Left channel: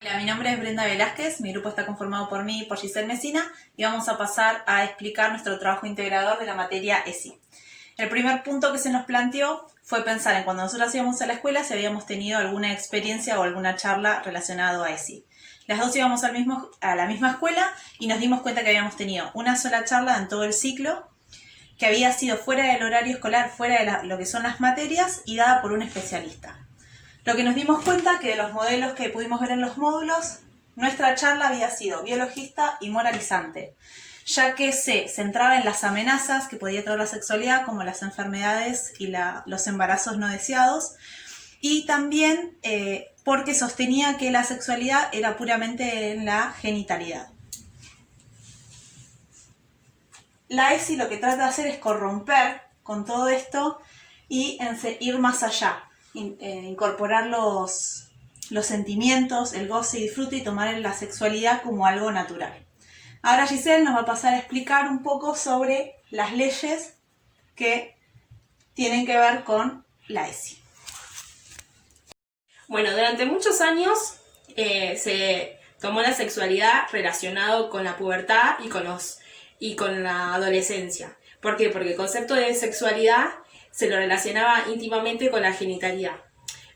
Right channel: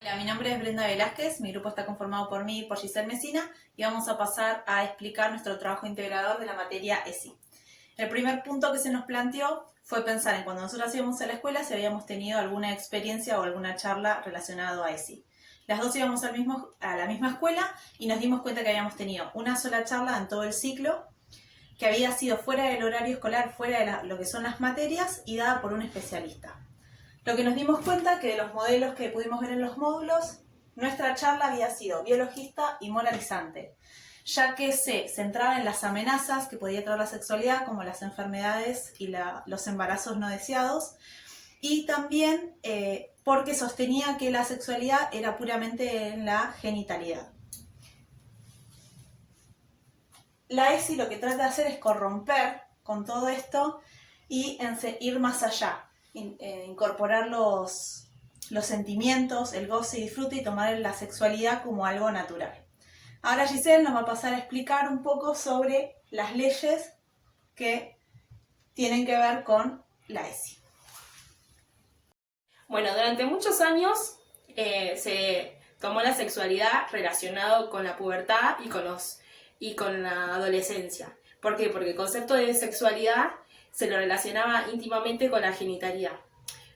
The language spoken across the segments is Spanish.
Hola, mi nombre es Brenda Velázquez, mi grupo está conformado por mí y por Giselle Mesina y vamos a pasar a explicar nuestro trabajo integrador de la materia ESI. El primer punto que se nos planteó fue pensar en cuando nosotros íbamos a la escuela si habíamos tenido alguna experiencia o alguna charla relacionada a ESI. Las dos íbamos a la misma escuela y nos dimos cuenta que habíamos tenido una sola charla en todo el ciclo, que había sido fuera del horario escolar, fuera de lo que son las materias y dada por un especialista. Lo que nos dimos cuenta que de los modelos que pudimos ver en los módulos, nuestra charla había sido biologista y moralizante, ya que se centraba en las amenazas que podía traer la sexualidad, como las enfermedades y los embarazos no deseados, y también porque sostenía que la sexualidad era puramente en la genitalidad. La ESI lo que trata de hacer es corromper con todo esto y ir más allá. Incorporar los sentimientos, el goce y disfrute y tomar la sexualidad como algo natural. Ahora Giselle nos va a pasar a explicar un poco sobre las leyes que tienen que ver con la ESI. Bueno, durante muchos años se tomó la sexualidad relacionado con la pubertad y con la adolescencia. ¿Por qué? Porque el concepto de sexualidad se lo relacionaba íntimamente con la genitalidad.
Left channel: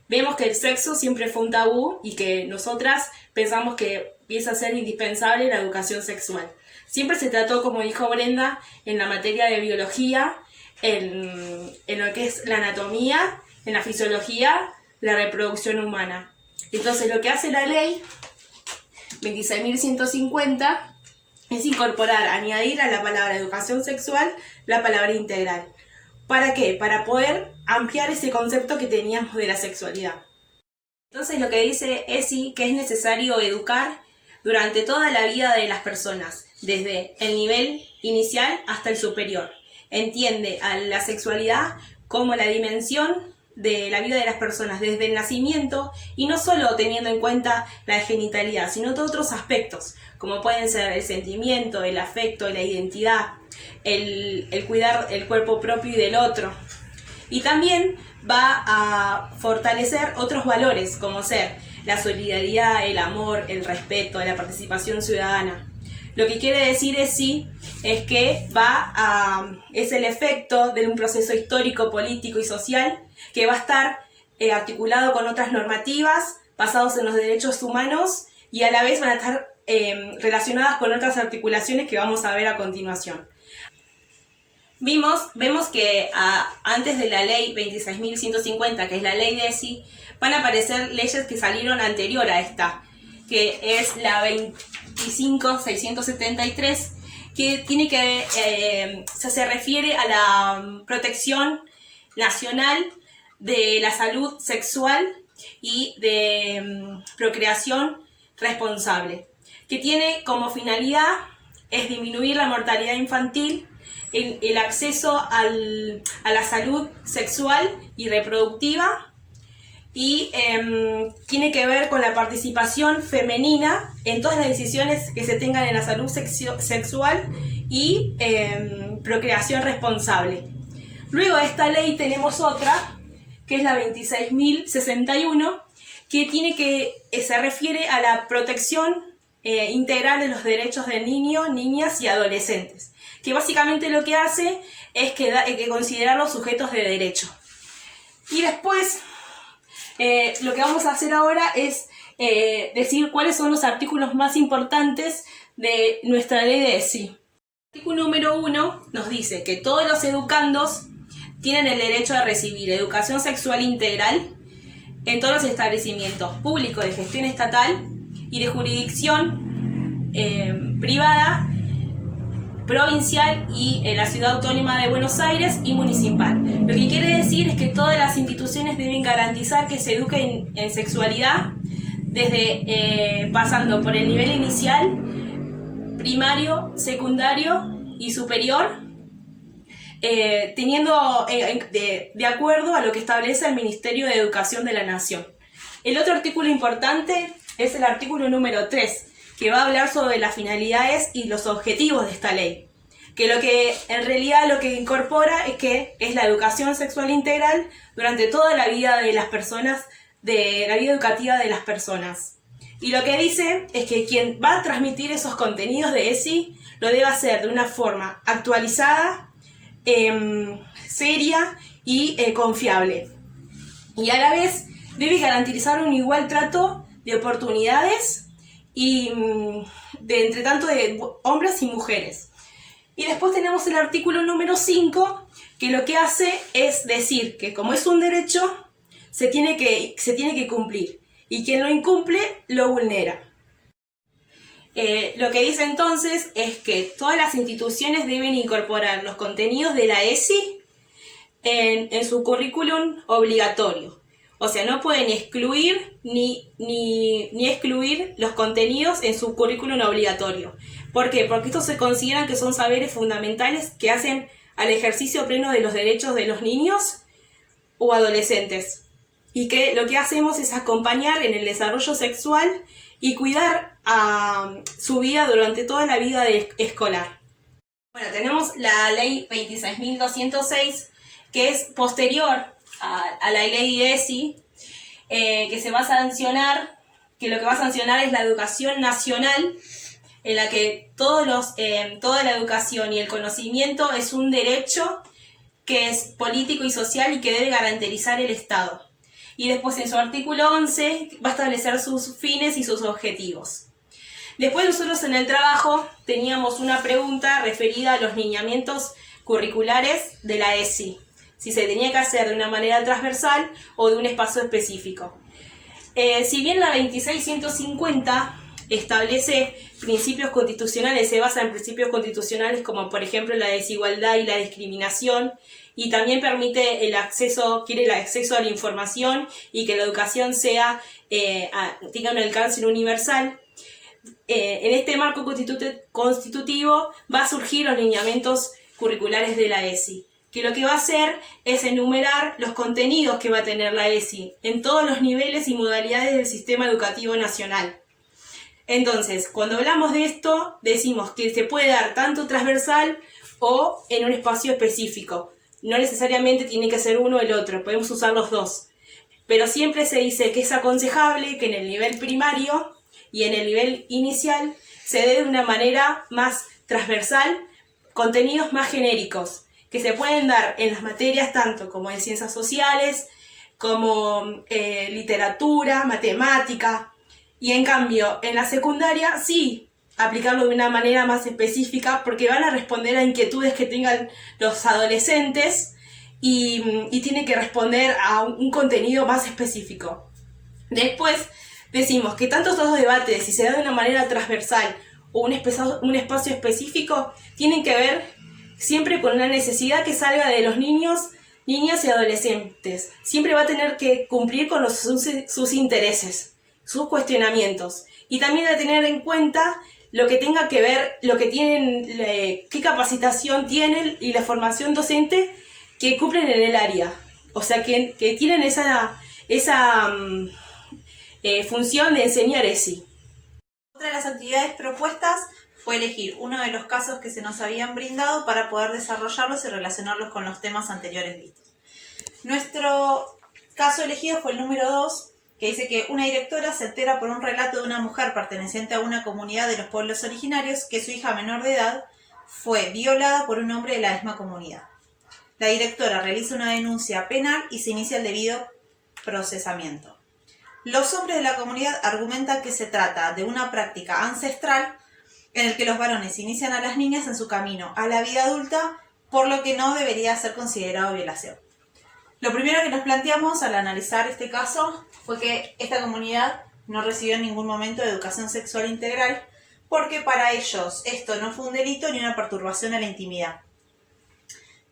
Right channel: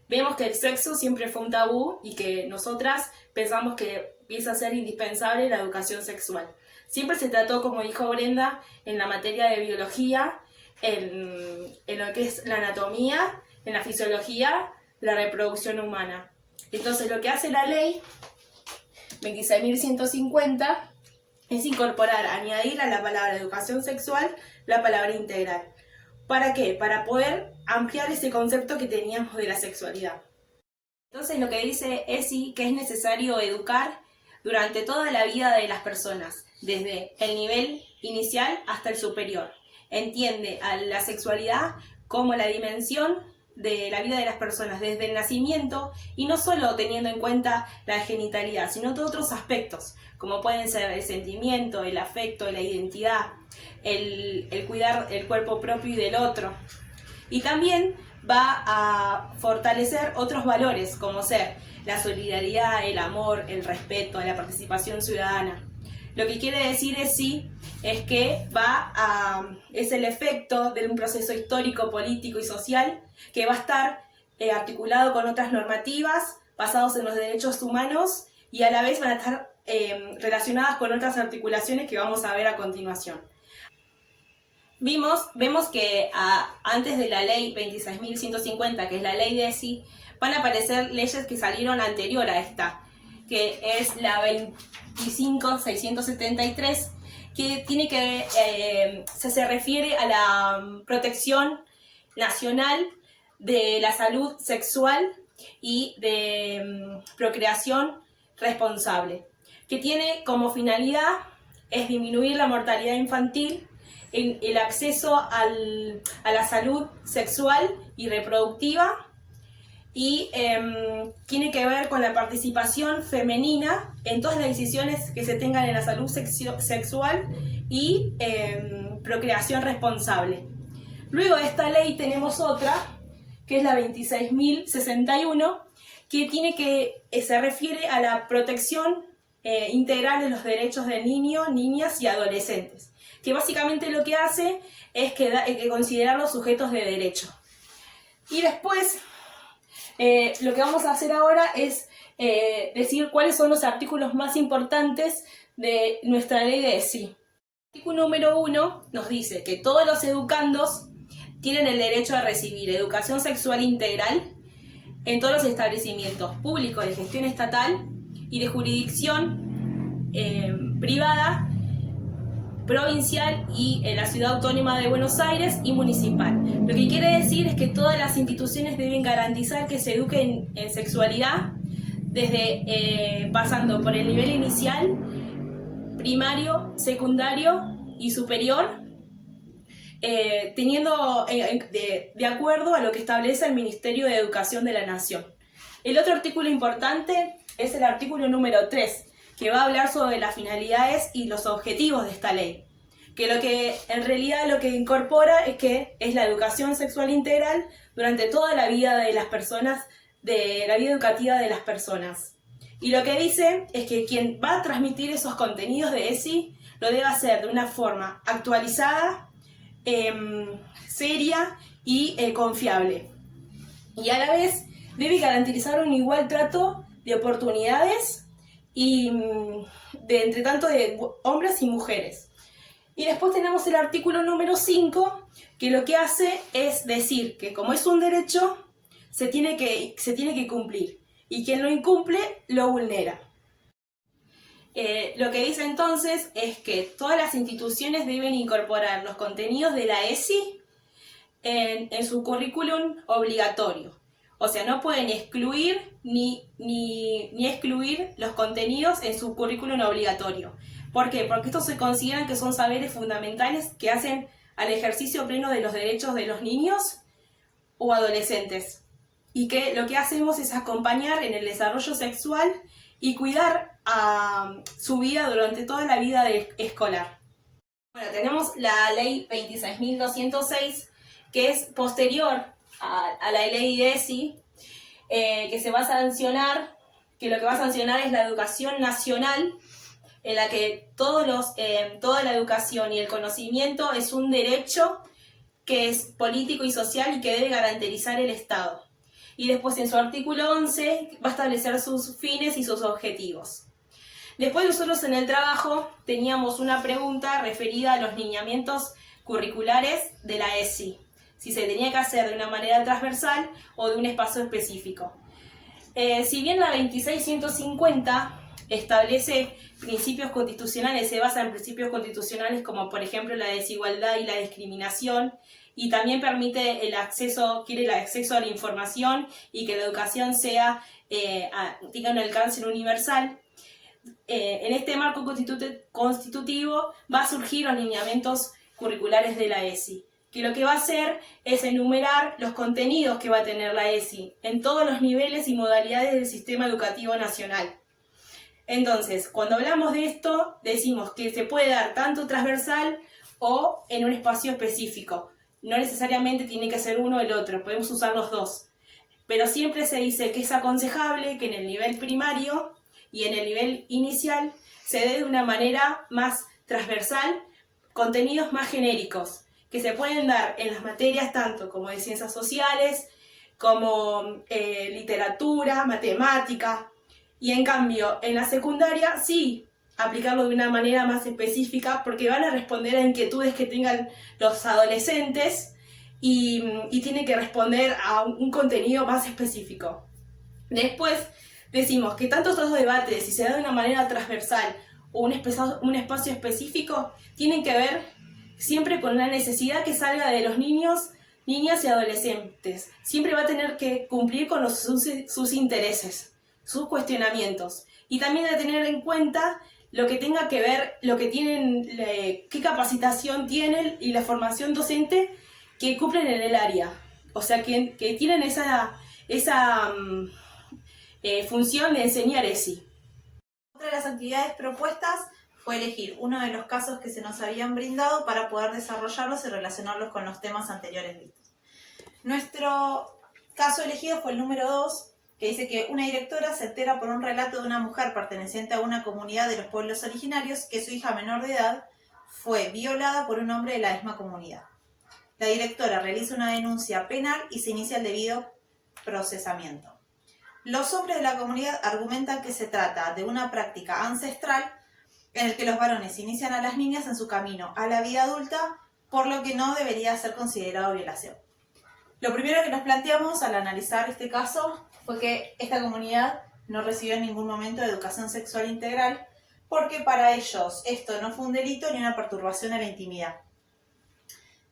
Vemos que el sexo siempre fue un tabú y que nosotras pensamos que empieza a ser indispensable la educación sexual. Siempre se trató, como dijo Brenda, en la materia de biología, en lo que es la anatomía, en la fisiología, la reproducción humana. Entonces lo que hace la ley 26.150 es incorporar, añadir a la palabra educación sexual la palabra integral. ¿Para qué? Para poder ampliar ese concepto que teníamos de la sexualidad. Entonces lo que dice ESI que es necesario educar durante toda la vida de las personas, desde el nivel inicial hasta el superior. Entiende a la sexualidad como la dimensión de la vida de las personas desde el nacimiento y no solo teniendo en cuenta la genitalidad, sino todos otros aspectos, como pueden ser el sentimiento, el afecto, la identidad, el cuidar el cuerpo propio y del otro. Y también va a fortalecer otros valores, como ser la solidaridad, el amor, el respeto, la participación ciudadana. Lo que quiere decir es que es el efecto de un proceso histórico, político y social que va a estar articulado con otras normativas basados en los derechos humanos y a la vez van a estar relacionadas con otras articulaciones que vamos a ver a continuación. Vemos que antes de la ley 26.150, que es la ley de ESI, van a aparecer leyes que salieron anterior a esta, que es la 25.673, que tiene se refiere a la protección nacional de la salud sexual y de procreación responsable, que tiene como finalidad es disminuir la mortalidad infantil, el acceso a la salud sexual y reproductiva y tiene que ver con la participación femenina en todas las decisiones que se tengan en la salud sexual y procreación responsable. Luego de esta ley tenemos otra, que es la 26.061, que se refiere a la protección integral de los derechos de niños, niñas y adolescentes, que básicamente lo que hace es que considerarlos sujetos de derecho. Y después, lo que vamos a hacer ahora es decir cuáles son los artículos más importantes de nuestra ley de ESI. El artículo número 1 nos dice que todos los educandos tienen el derecho a recibir educación sexual integral en todos los establecimientos públicos de gestión estatal y de jurisdicción privada, provincial y en la Ciudad Autónoma de Buenos Aires y municipal. Lo que quiere decir es que todas las instituciones deben garantizar que se eduque en sexualidad desde pasando por el nivel inicial, primario, secundario y superior, teniendo de acuerdo a lo que establece el Ministerio de Educación de la Nación. El otro artículo importante es el artículo número 3, que va a hablar sobre las finalidades y los objetivos de esta ley. Que en realidad lo que incorpora es la educación sexual integral durante toda la vida de las personas, de la vida educativa de las personas. Y lo que dice es que quien va a transmitir esos contenidos de ESI lo debe hacer de una forma actualizada, seria y confiable. Y a la vez debe garantizar un igual trato de oportunidades y entre tanto de hombres y mujeres. Y después tenemos el artículo número 5, que lo que hace es decir que como es un derecho, se tiene que cumplir. Y quien lo incumple, lo vulnera. Lo que dice entonces es que todas las instituciones deben incorporar los contenidos de la ESI en su currículum obligatorio. O sea, no pueden excluir ni excluir los contenidos en su currículum obligatorio. ¿Por qué? Porque estos se consideran que son saberes fundamentales que hacen al ejercicio pleno de los derechos de los niños o adolescentes. Y que lo que hacemos es acompañar en el desarrollo sexual y cuidar a su vida durante toda la vida escolar. Bueno, tenemos la ley 26.206, que es posterior a la ley ESI, que se va a sancionar, que lo que va a sancionar es la educación nacional, en la que toda la educación y el conocimiento es un derecho que es político y social y que debe garantizar el Estado. Y después en su artículo 11 va a establecer sus fines y sus objetivos. Después nosotros en el trabajo teníamos una pregunta referida a los lineamientos curriculares de la ESI, si se tenía que hacer de una manera transversal o de un espacio específico. Si bien la 26.150 establece principios constitucionales, se basa en principios constitucionales como por ejemplo la desigualdad y la discriminación, y también permite quiere el acceso a la información y que la educación tenga un alcance universal. En este marco constitutivo va a surgir los lineamientos curriculares de la ESI, que lo que va a hacer es enumerar los contenidos que va a tener la ESI en todos los niveles y modalidades del sistema educativo nacional. Entonces, cuando hablamos de esto, decimos que se puede dar tanto transversal o en un espacio específico. No necesariamente tiene que ser uno o el otro, podemos usar los dos. Pero siempre se dice que es aconsejable que en el nivel primario y en el nivel inicial se dé de una manera más transversal contenidos más genéricos, que se pueden dar en las materias tanto como en ciencias sociales, como literatura, matemática, y en cambio en la secundaria sí aplicarlo de una manera más específica porque van a responder a inquietudes que tengan los adolescentes y tiene que responder a un contenido más específico. Después decimos que tanto estos debates, si se da de una manera transversal o un espacio específico, tienen que ver siempre con una necesidad que salga de los niños, niñas y adolescentes. Siempre va a tener que cumplir con sus intereses, sus cuestionamientos. Y también de tener en cuenta lo que tenga que ver, lo que tienen, qué capacitación tienen y la formación docente que cumplen en el área. O sea, que tienen esa función de enseñar ESI. Otra de las actividades propuestas fue elegir uno de los casos que se nos habían brindado para poder desarrollarlos y relacionarlos con los temas anteriores vistos. Nuestro caso elegido fue el número 2, que dice que una directora se entera por un relato de una mujer perteneciente a una comunidad de los pueblos originarios que su hija menor de edad fue violada por un hombre de la misma comunidad. La directora realiza una denuncia penal y se inicia el debido procesamiento. Los hombres de la comunidad argumentan que se trata de una práctica ancestral en el que los varones inician a las niñas en su camino a la vida adulta, por lo que no debería ser considerado violación. Lo primero que nos planteamos al analizar este caso fue que esta comunidad no recibió en ningún momento de educación sexual integral, porque para ellos esto no fue un delito ni una perturbación a la intimidad.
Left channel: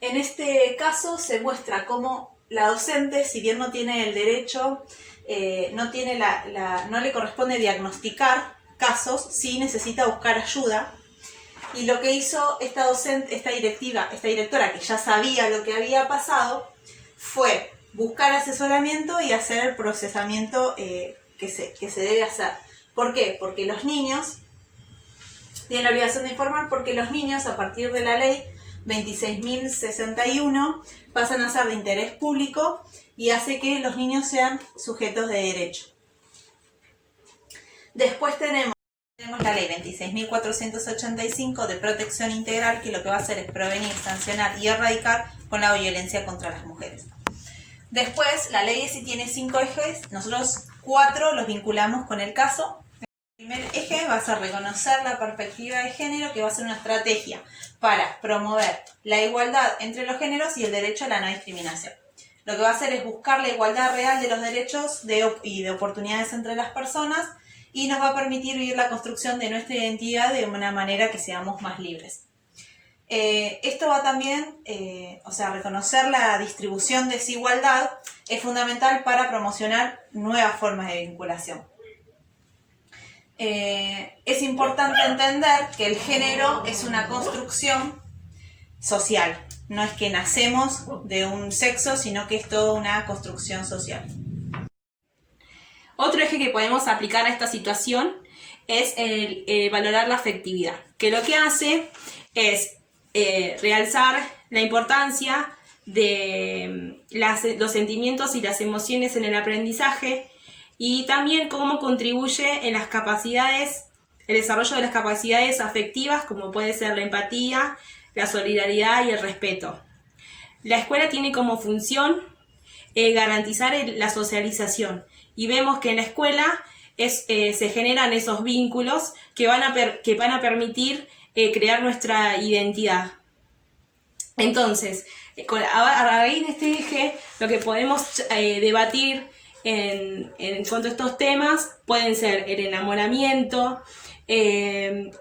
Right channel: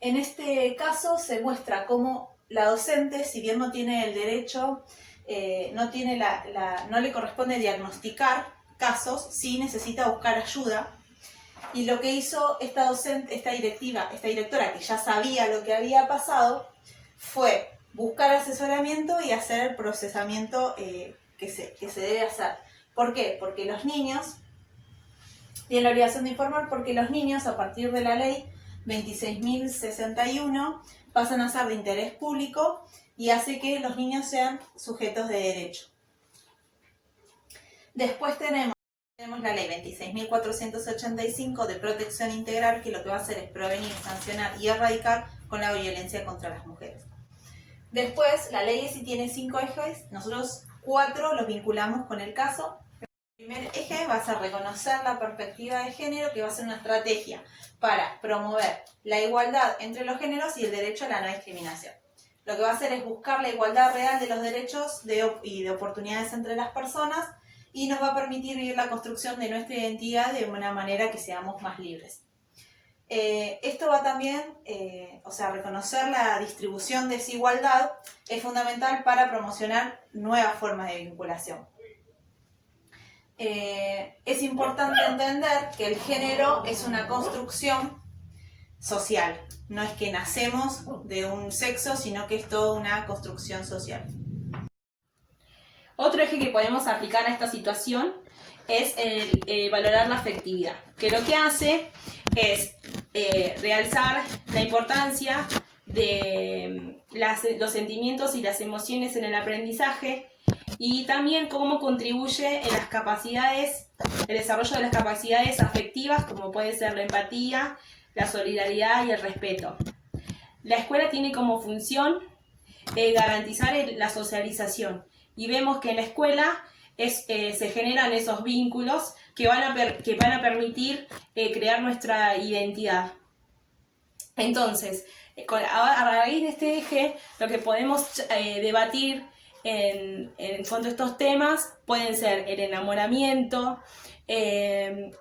En este caso se muestra cómo la docente, si bien no tiene el derecho, no le corresponde diagnosticar casos, sí necesita buscar ayuda. Y lo que hizo esta directora, que ya sabía lo que había pasado, fue buscar asesoramiento y hacer el procesamiento que se debe hacer. ¿Por qué? Porque los niños tienen la obligación de informar, porque los niños, a partir de la ley 26.061, pasan a ser de interés público y hace que los niños sean sujetos de derecho. Después tenemos la ley 26.485 de protección integral, que lo que va a hacer es prevenir, sancionar y erradicar con la violencia contra las mujeres. Después, la ley ESI tiene 5 ejes, nosotros 4 los vinculamos con el caso. El primer eje va a ser reconocer la perspectiva de género, que va a ser una estrategia para promover la igualdad entre los géneros y el derecho a la no discriminación. Lo que va a hacer es buscar la igualdad real de los derechos y de oportunidades entre las personas, y nos va a permitir vivir la construcción de nuestra identidad de una manera que seamos más libres. Esto va también, reconocer la distribución de desigualdad es fundamental para promocionar nuevas formas de vinculación. Es importante entender que el género es una construcción social, no es que nacemos de un sexo, sino que es toda una construcción social. Otro eje que podemos aplicar a esta situación es valorar la afectividad, que lo que hace es realzar la importancia de los sentimientos y las emociones en el aprendizaje, y también cómo contribuye en las capacidades, el desarrollo de las capacidades afectivas, como puede ser la empatía, la solidaridad y el respeto. La escuela tiene como función garantizar la socialización, y vemos que en la escuela se generan esos vínculos que van a permitir crear nuestra identidad. Entonces, a raíz de este eje, lo que podemos debatir en cuanto a estos temas pueden ser el enamoramiento, el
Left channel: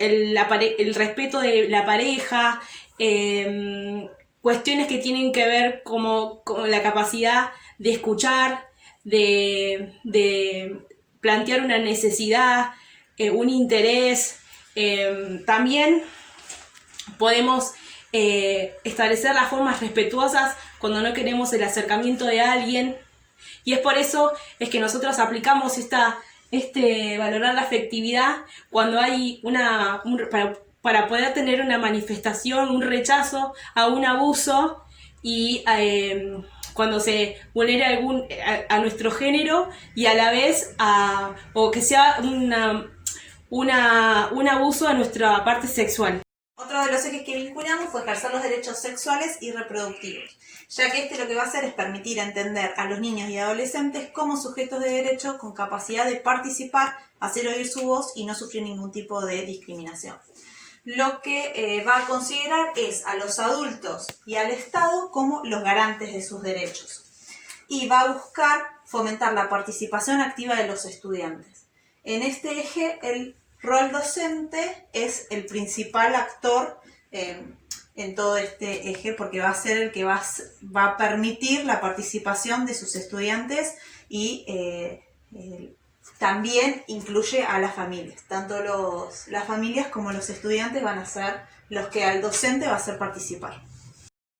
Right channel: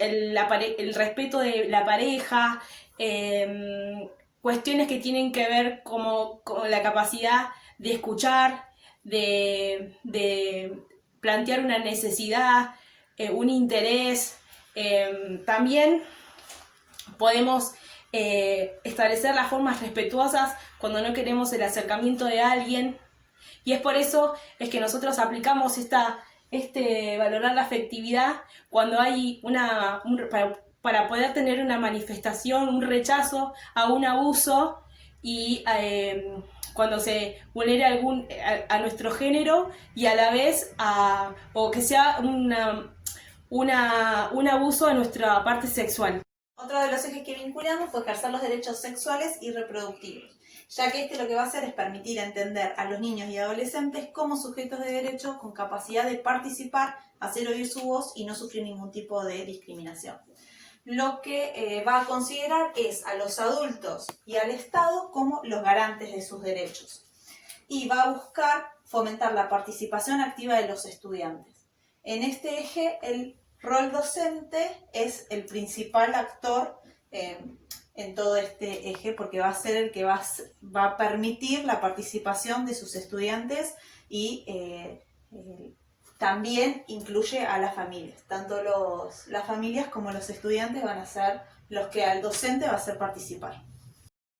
respeto de la pareja, cuestiones que tienen que ver con la capacidad de escuchar, de plantear una necesidad, un interés. También podemos establecer las formas respetuosas cuando no queremos el acercamiento de alguien, y es por eso es que nosotros aplicamos valorar la afectividad cuando hay para poder tener una manifestación, un rechazo a un abuso, y cuando se vulnera a nuestro género, y a la vez o que sea un abuso a nuestra parte sexual. Otro de los ejes que vinculamos fue ejercer los derechos sexuales y reproductivos, ya que lo que va a hacer es permitir entender a los niños y adolescentes como sujetos de derecho con capacidad de participar, hacer oír su voz y no sufrir ningún tipo de discriminación. Lo que va a considerar es a los adultos y al Estado como los garantes de sus derechos, y va a buscar fomentar la participación activa de los estudiantes. En este eje, el rol docente es el principal actor en todo este eje, porque va a ser el que va a permitir la participación de sus estudiantes, y también incluye a las familias. Tanto las familias como los estudiantes van a ser los que al docente va a hacer participar.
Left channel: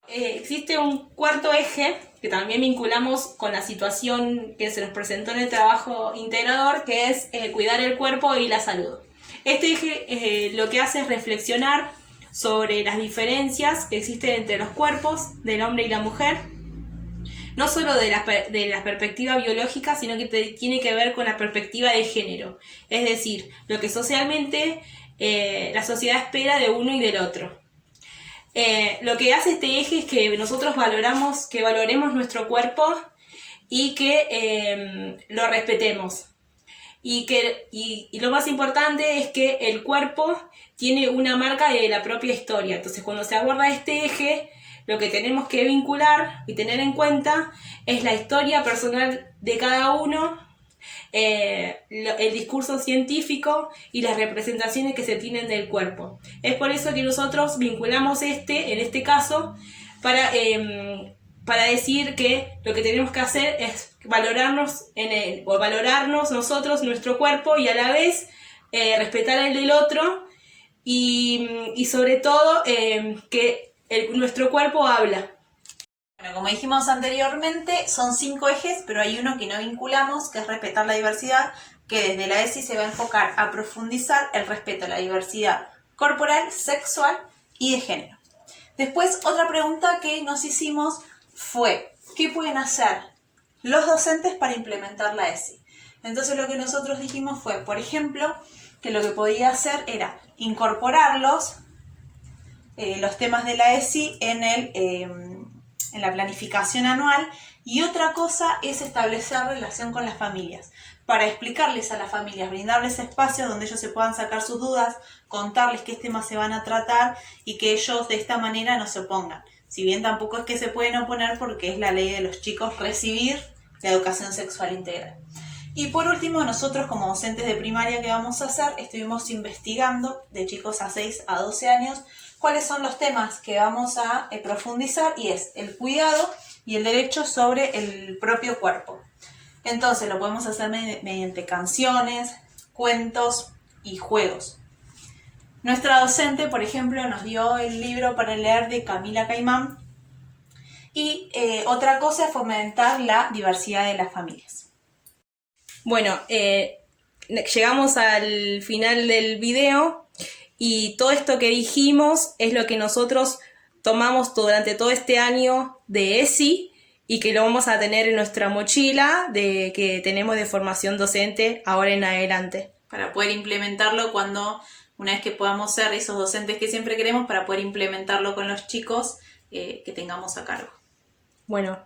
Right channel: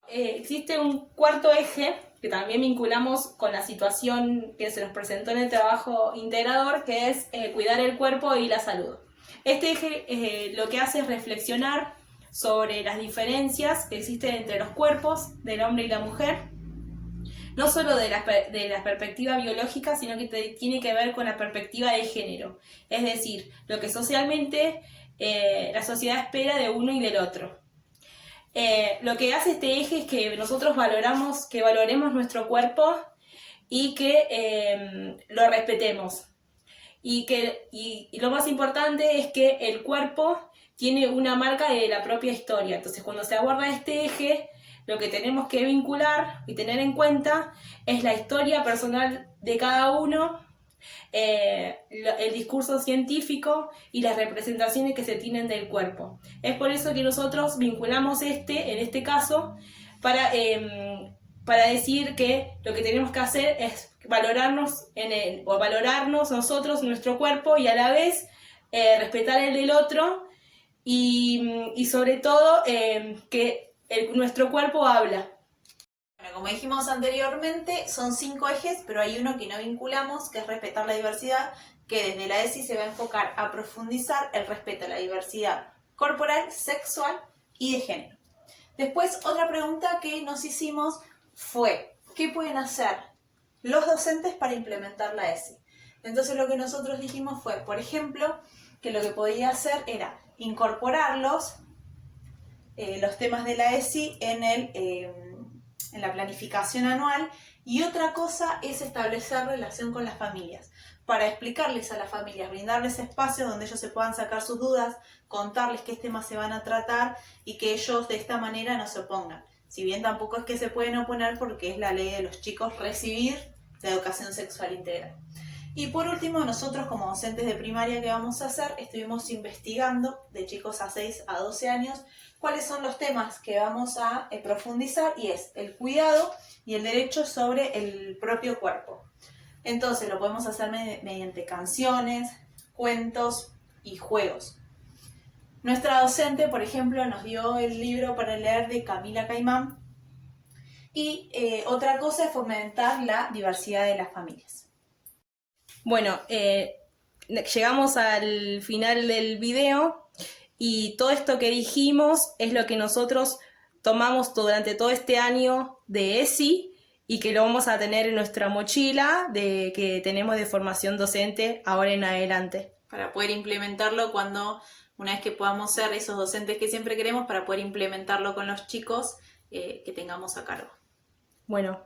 Existe un cuarto eje que también vinculamos con la situación que se nos presentó en el trabajo integrador, que es cuidar el cuerpo y la salud. Este eje lo que hace es reflexionar sobre las diferencias que existen entre los cuerpos del hombre y la mujer, no solo de la perspectiva biológica, sino que tiene que ver con la perspectiva de género, es decir, lo que socialmente la sociedad espera de uno y del otro. Lo que hace este eje es que nosotros valoremos nuestro cuerpo, y que lo respetemos. Y lo más importante es que el cuerpo tiene una marca de la propia historia. Entonces, cuando se aborda este eje, lo que tenemos que vincular y tener en cuenta es la historia personal de cada uno, el discurso científico y las representaciones que se tienen del cuerpo. Es por eso que nosotros vinculamos en este caso, para decir que lo que tenemos que hacer es valorarnos nosotros, nuestro cuerpo, y a la vez respetar el del otro, y sobre todo que nuestro cuerpo habla. Bueno, como dijimos anteriormente, son 5 ejes, pero hay uno que no vinculamos, que es respetar la diversidad, que desde la ESI se va a enfocar a profundizar el respeto a la diversidad corporal, sexual y de género. Después, otra pregunta que nos hicimos fue, ¿qué pueden hacer los docentes para implementar la ESI? Entonces lo que nosotros dijimos fue, por ejemplo, que lo que podía hacer era incorporarlos, los temas de la ESI, en la planificación anual, y otra cosa es establecer relación con las familias, para explicarles a las familias, brindarles espacios donde ellos se puedan sacar sus dudas, contarles qué temas se van a tratar y que ellos de esta manera no se opongan. Si bien tampoco es que se pueden oponer porque es la ley de los chicos recibir la educación sexual integral. Y por último, nosotros como docentes de primaria, ¿qué vamos a hacer? Estuvimos investigando de chicos a 6 a 12 años cuáles son los temas que vamos a profundizar, y es el cuidado y el derecho sobre el propio cuerpo. Entonces lo podemos hacer mediante canciones, cuentos y juegos. Nuestra docente, por ejemplo, nos dio el libro para leer de Camila Caimán, y otra cosa es fomentar la diversidad de las familias. Bueno, llegamos al final del video y todo esto que dijimos es lo que nosotros tomamos durante todo este año de ESI y que lo vamos a tener en nuestra mochila que tenemos de formación docente ahora en adelante. Para poder implementarlo una vez que podamos ser esos docentes que siempre queremos, para poder implementarlo con los chicos que tengamos a cargo. Bueno,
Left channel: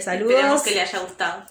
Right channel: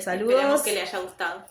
saludos. Esperemos que les haya gustado.